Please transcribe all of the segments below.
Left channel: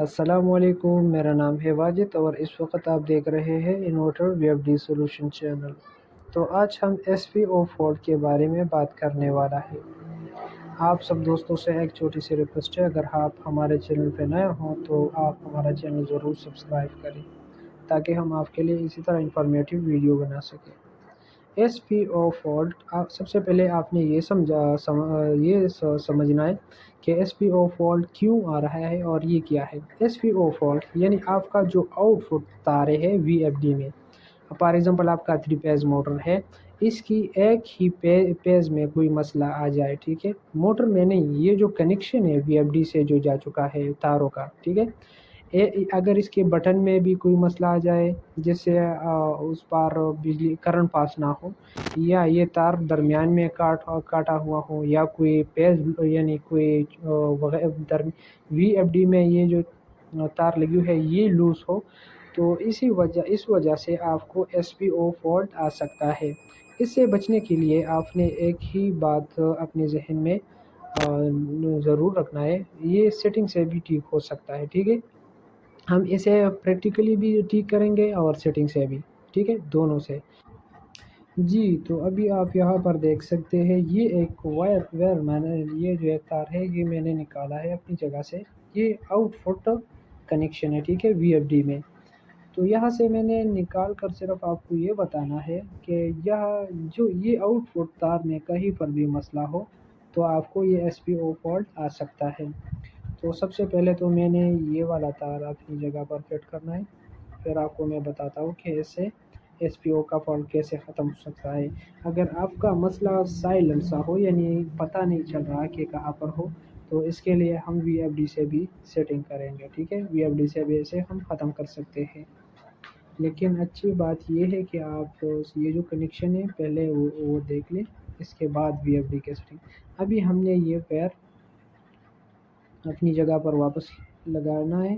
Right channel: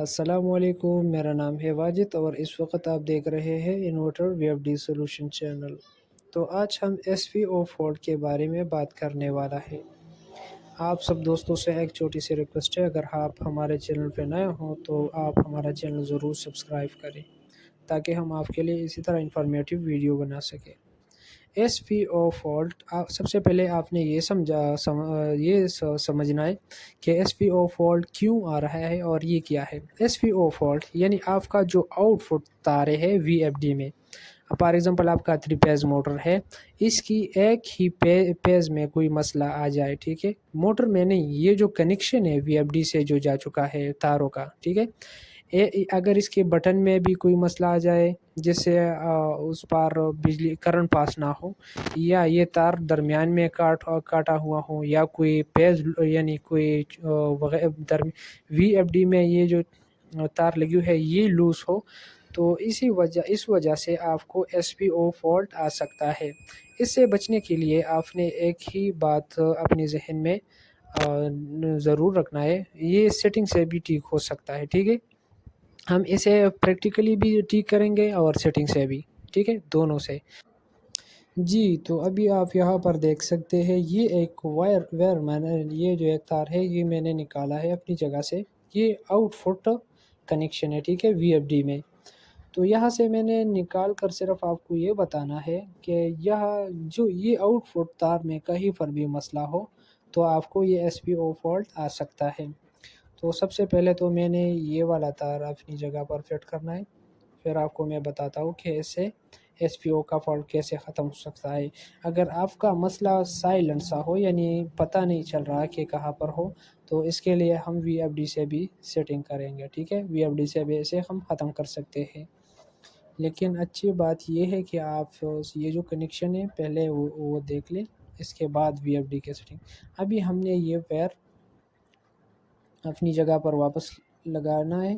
السلام علیکم، میرا نام ہے واجد اور اس وقت آپ دیکھ رہے ہیں انورٹر وی ایف ڈی سولوشن چینل۔ تو آج ہم ایس پی او فالٹ کے بارے میں بات کرنے والا ہے۔ آپ سب دوستوں سے ایک چھوٹی سی ریکویسٹ ہے، اگر آپ ہمارے چینل پہ نئے ہوں تو آپ ہمارا چینل ضرور سبسکرائب کریں تاکہ ہم آپ کے لیے اسی طرح انفارمیٹیو ویڈیو بنا سکیں۔ ایس پی او فالٹ سب سے پہلے آپ نے یہ سمجھنا ہے کہ ایس پی او فالٹ کیوں آ رہا ہے اور یہ کیا ہے۔ ایس پی او فالٹ یعنی آپ کا جو آؤٹ پٹ تارے ہے وی ایف ڈی میں، فار ایگزامپل آپ کا 3 پیز موٹر ہے، اس کی ایک ہی پیز میں کوئی مسئلہ آ جائے، ٹھیک ہے، موٹر میں نہیں، یہ جو کنیکشن ہے وی ایف ڈی سے جو جا چکا ہے تاروں کا، ٹھیک ہے، اگر اس کے بٹن میں بھی کوئی مسئلہ آ جائے جس سے اس پر بجلی کرنٹ پاس نہ ہو، یا یہ تار درمیان میں کاٹا ہوا ہو، یا کوئی پیز یعنی کوئی وی ایف ڈی میں یہ جو تار لگی ہوئی ہے یہ لوز ہو، تو اس وجہ سے آپ کو ایس پی او فالٹ آ سکتا ہے۔ اس سے بچنے کے لیے آپ نے ایک ہی بات اپنے ذہن میں ضرور رکھنا ہے، یہ سیٹنگ سے بھی ٹھیک ہو سکتا ہے، ٹھیک ہے، ہم اسے پریکٹیکلی بھی ٹھیک کریں گے اور سیٹنگ سے بھی، ٹھیک ہے، دونوں سے۔ جی تو ابھی آپ یہاں پر دیکھ سکتے ہیں یہ ایک یہ جو ایک تار ہے یہ میں نے نکالا ہے اپنی جگہ سے، یہ آؤٹ فٹ کنیکشن ہے، ٹھیک ہے، وی ایف ڈی میں۔ تو یہاں سے میں نے نکال کر صرف آپ کو یہ بتانا ہے کہ یہ آؤٹ فٹ تار میں کہیں پر بھی مسئلہ ہو تو آپ کو یہ ایس پی او فالٹ آ سکتا ہے۔ تو سب سے پہلے تو میں نے یہ والا تار اپنی جگہ پر فٹ کرنا ہے، پھر آپ کو میں بتاتا ہوں کہ اس سے ایس پی او کا فالٹ کیسے ختم ہو سکتا ہے۔ اگر آپ کا مسئلہ سائلنٹ سا ہو، یعنی پتہ نہیں چل رہا کہ کہاں پر ہو، تو اس کے لیے ہم وی ایف ڈی سے بھی سیٹنگ کریں گے، ٹھیک ہے، وی ایف ڈی سے بھی اسے ہم ختم کر سکتے ہیں۔ لیکن اچھی بات یہ ہے کہ آپ یہ جو کنیکشن ہے پہلے وہ دیکھ لیں، اس کے بعد وی ایف ڈی کے سیٹنگ۔ ابھی ہم نے یہ وائر اپنی جگہ پر واپس لگانا ہے،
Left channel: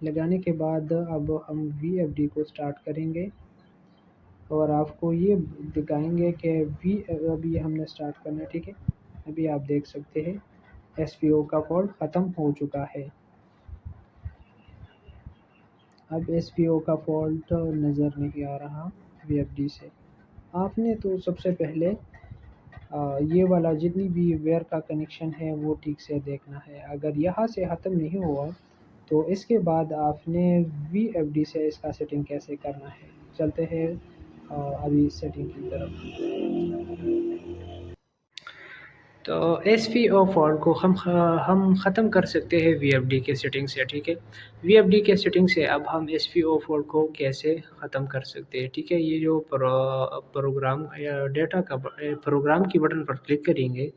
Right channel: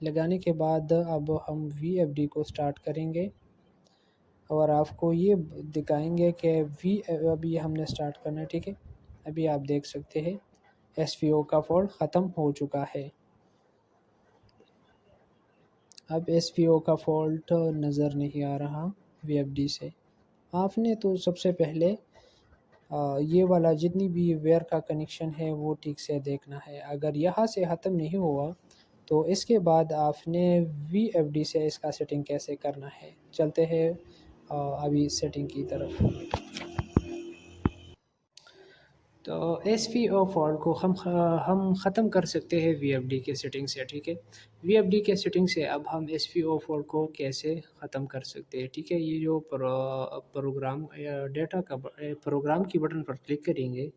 لگانے کے بعد اب ہم وی ایف ڈی کو سٹارٹ کریں گے اور آپ کو یہ دکھائیں گے کہ ابھی ہم نے سٹارٹ کرنا ہے، ٹھیک ہے، ابھی آپ دیکھ سکتے ہیں ایس پی او کا فالٹ ختم ہو چکا ہے۔ اب ایس پی او کا فالٹ نظر نہیں آ رہا وی ایف ڈی سے۔ آپ نے تو سب سے پہلے یہ والا جتنی بھی ویئر کا کنیکشن ہے وہ ٹھیک سے دیکھنا ہے، اگر یہاں سے ختم نہیں ہوا تو اس کے بعد آپ نے وی ایف ڈی سے اس کا سیٹنگ کیسے کرنا ہے۔ چلتے ہیں ابھی سیٹنگ کی طرف۔ تو ایس پی او فالٹ کو ہم ختم کر سکتے ہیں وی ایف ڈی کے سیٹنگ سے، ٹھیک ہے، وی ایف ڈی کے سیٹنگ سے اب ہم ایس پی او فالٹ کو کیسے ختم کر سکتے ہیں، ٹھیک ہے، یہ جو پروگرام یا ڈیٹا کا پروگرام کی بٹن پر کلک کریں گے،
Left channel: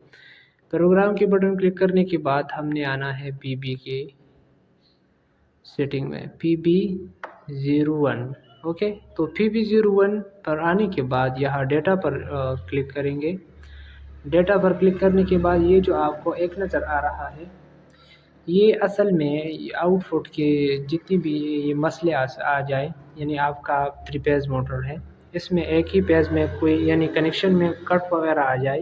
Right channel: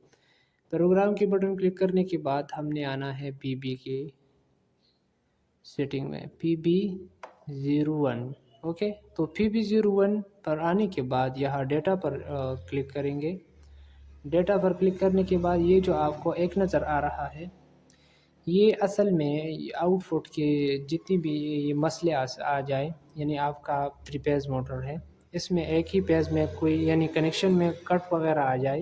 پروگرام کی بٹن کلک کرنے کے بعد ہم نے آنا ہے پی بی کی سیٹنگ میں، پی بی 01، اوکے، تو پی بی 01 پر آنے کے بعد یہاں ڈیٹا پر کلک کریں گے۔ ڈیٹا پر کلک کرنے کے بعد یہ جو آپ کو ایک نظر آ رہا ہے، یہ اصل میں آؤٹ فٹ کے جتنی بھی یہ مسئلے آ جائے، یعنی آپ کا 3 پیز موٹر ہے، اس میں ایک ہی پیز میں کوئی یعنی کنیکشن میں کٹ وغیرہ آ جائے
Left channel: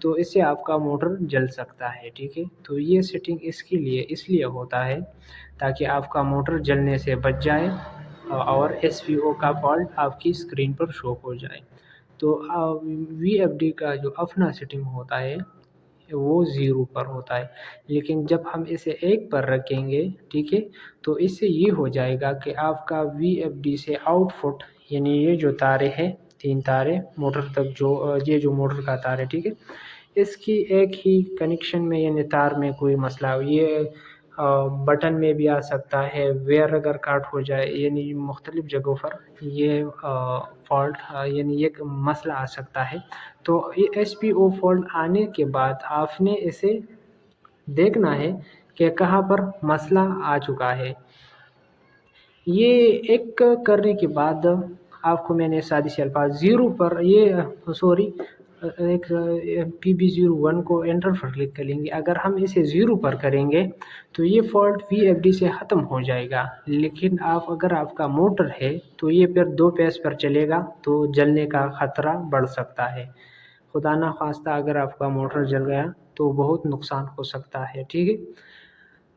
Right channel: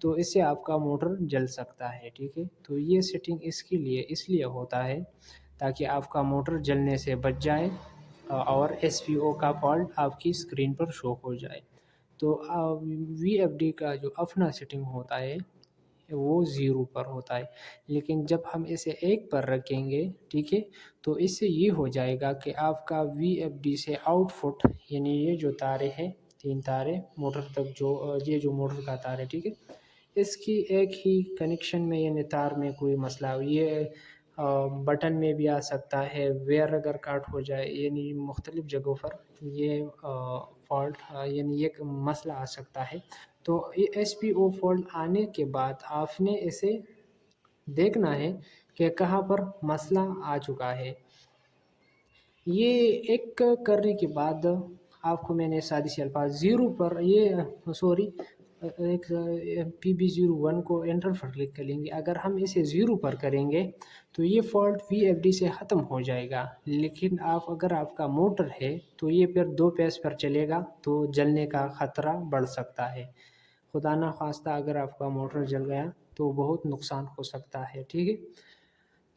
تو اس سے آپ کا موٹر جل سکتا ہے، ٹھیک ہے، تو یہ سیٹنگ اس لیے ہوتا ہے تاکہ آپ کا موٹر جلنے سے بچ جائے اور ایس پی او کا فالٹ آپ کی اسکرین پر شو ہو جائے۔ تو وی ایف ڈی کا جو اپنا سیٹنگ ہوتا ہے وہ 0 پر ہوتا ہے، لیکن جب ہم اسے 1 پر رکھیں گے، ٹھیک ہے، تو اس سے یہ ہو جائے گا کہ آپ کا وی ایف ڈی سے آؤٹ فٹ یعنی یہ جو تارے ہیں 3 تارے موٹر تک یہ جو موٹر کا تار ہے، ٹھیک ہے، اس کی ایک ہی کنیکشن میں یعنی تار میں کوئی مسئلہ یہ بٹن میں بھی آ سکتا ہے، ویئر اگر کاٹ ہو جائے، یعنی مختلف جگہوں پر یہ فالٹ یعنی یہ مسئلہ آ سکتا ہے۔ تو ایس پی او فالٹ آنے کے بعد آپ نے اسے دیکھنا ہے کہ کہاں پر مسئلہ آ چکا ہے۔ یہ ایک کرنے کے بعد آپ کو میں نے سادی سے الفاظ 0 پر ایک پی بی 01 کو انٹر پر کلک کریں گے، اگر ہم اسے 0 پر کریں گے تو یہ فالٹ وی ایف ڈی سے ختم ہو جائے گا، لیکن اگر آپ کا موٹر ہے تو یہ پھر 2 پیز پر چلے گا تو جلنے کا خطرہ بڑھ سکتا ہے، خدا نخواستہ اگر آپ کا موٹر جل گیا تو بہت نقصان ہو سکتا ہے، ٹھیک ہے۔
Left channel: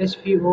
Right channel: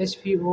SVO